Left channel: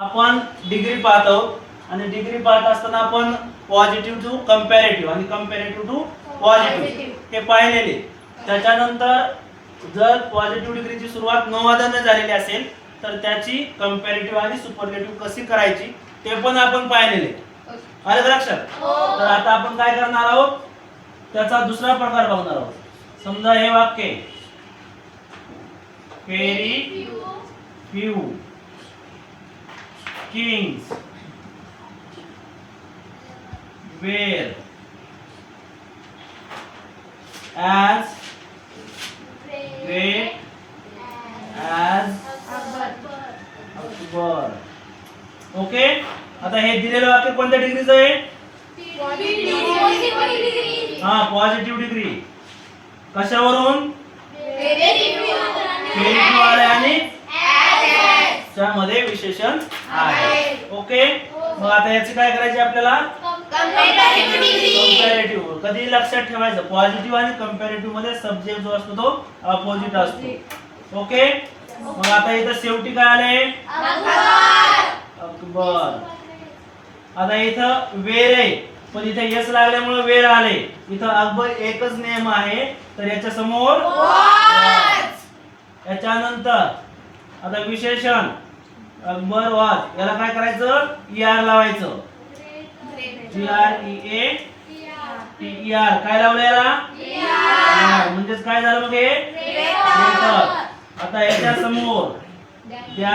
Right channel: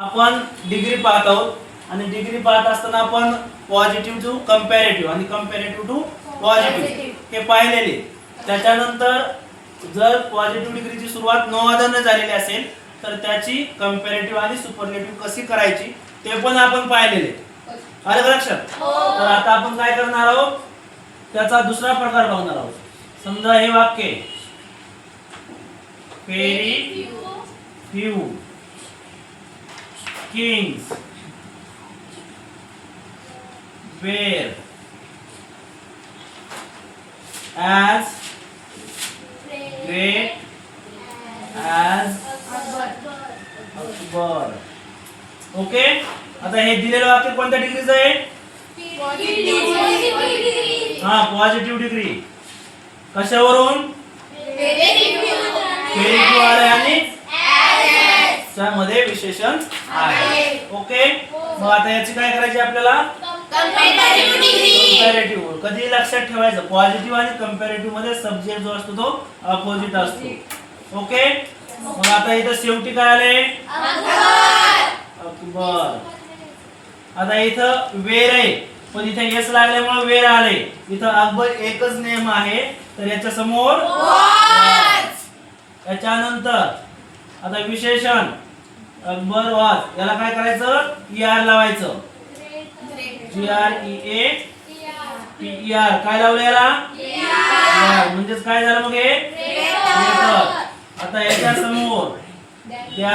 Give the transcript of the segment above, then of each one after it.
आपण डिग्री पाहत आहोत आणि डिग्री पाहत असताना आपण पॉझिटिव्ह टू कंपॅरेटिव्ह आणि कंपॅरेटिव्ह टू पॉझिटिव्ह हे पाहिलेले. त्याच्यानंतर जर पॉझिटिव्ह डिग्रीची सुरुवात नो अदरने झालेली असेल तर त्याची कंपॅरेटिव्ह आणि सुपरलेटिव्ह कशी करायची ते पण आपण पाहिलेले. आलं का लक्षात? तर आता आपण काय करणार आहोत त्याचा दुसरा प्रकार बघणार आहोत. समजा हे वाक्य very few kings were as great as Akbar. Okay. आता हे दिलेलं वाक्य कोणत्या डिग्रीचं आहे? हा, पॉझिटिव्ह डिग्री. कशावरून? व्हेरी फ्यू आले आणि त्यामध्ये विशेषण आहे. ओके. मग आता याची काय करायची आपल्याला? कंपॅरेटिव्ह. कधी लक्षात ठेवायचं पॉझिटिव्ह आणि कंपॅरेटिव्ह मध्ये सब्जेक्ट जो असतो तो अपोजिट असतो. ओके. मग आता इथं शेवटी काय आले? अकबर. आता इथं वेर आहे पण इथे यस लागल्यामुळे वेर आले. इथं अकबर एकच नेम आहे तर याच्या समोर याच्यानंतर आता विशेषण अकबर वाज याला काय करायचं? ER लावायचं. GREATER. काय लावलं याला? ER. म्हणजेच काय झालं मग हे? ग्रेटर. आता याच्या समोर त्या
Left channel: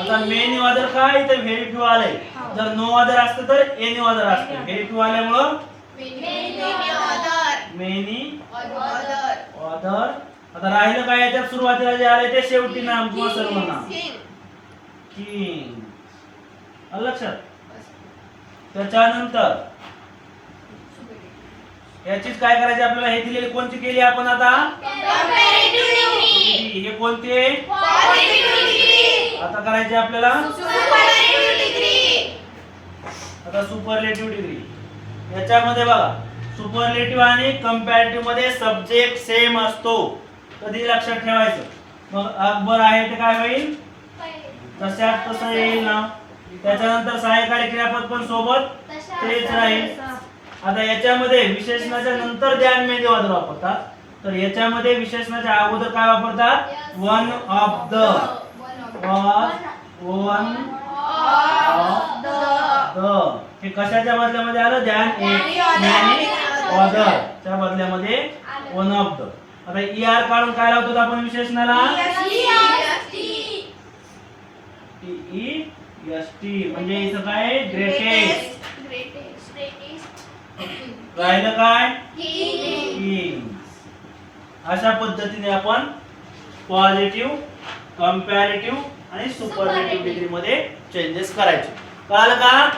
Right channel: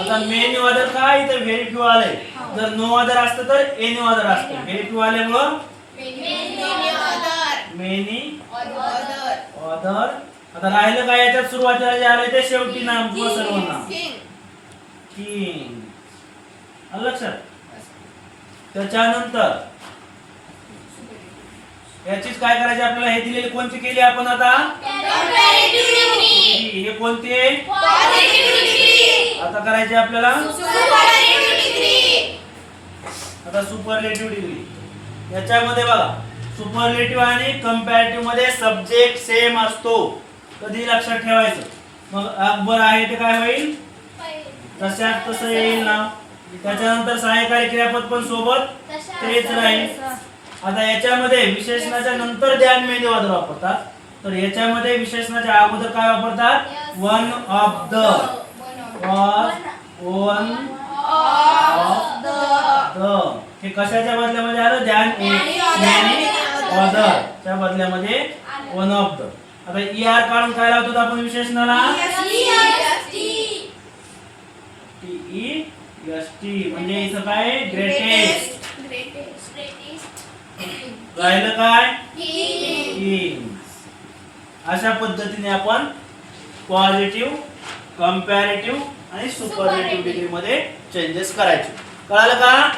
आता मेनी अदर काय इथे व्हेरी फ्यू आले. जर नो अदर असतं तर एनी अदर असतं. व्हेरी फ्यू आल्यामुळं मेनी अदर. आता राहिलं काय याच्यात सुरुवातीला जे आले ते शेवटी नाम किंवा सर्वनाम. किंग. आलं लक्षात? त्याच्यानंतर याचीच काय करायची आपल्याला? हे दिलेली कोणती केली आपण आता? हे कोणते? आता करायचे आपल्याला आता सुपरलेटिव्ह डिग्री. याच्यामध्ये बघा सुपरलेटिव्ह आणि कंपॅरेटिव्ह मध्ये सब्जेक्ट सेम असतो. कधी लक्षात ठेवायचं. मग अकबर आहे ते काय होईल? तशात तसं येईल ना. त्याच्यानंतर सहाय्यकारी क्रियापद पण सोबत तेच राहील. आता याच्यामध्ये विशेषणाच्या नंतर द्यान मेनी अदर वापरतात तर याच्यामध्ये विशेषणाच्या अगोदर काय वापरतात? One of the. One of the. हे कशाच्या बदल्यामध्ये आलं? द्यान मेनी अदर च्या बदल्यामध्ये वन ऑफ द. आता ER काढून काय लावतो आपण विशेषणाला? TEST. म्हणजे इथं काय? ग्रेटेस्ट. राहिलं काय? किंग्स. अशा पद्धतीने आपण पॉझिटिव्ह, कंपॅरेटिव्ह आणि सुपरलेटिव्ह डिग्री मध्ये चेंजेस करायचे. कळालं का?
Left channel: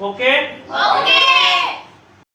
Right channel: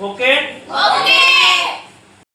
ओके.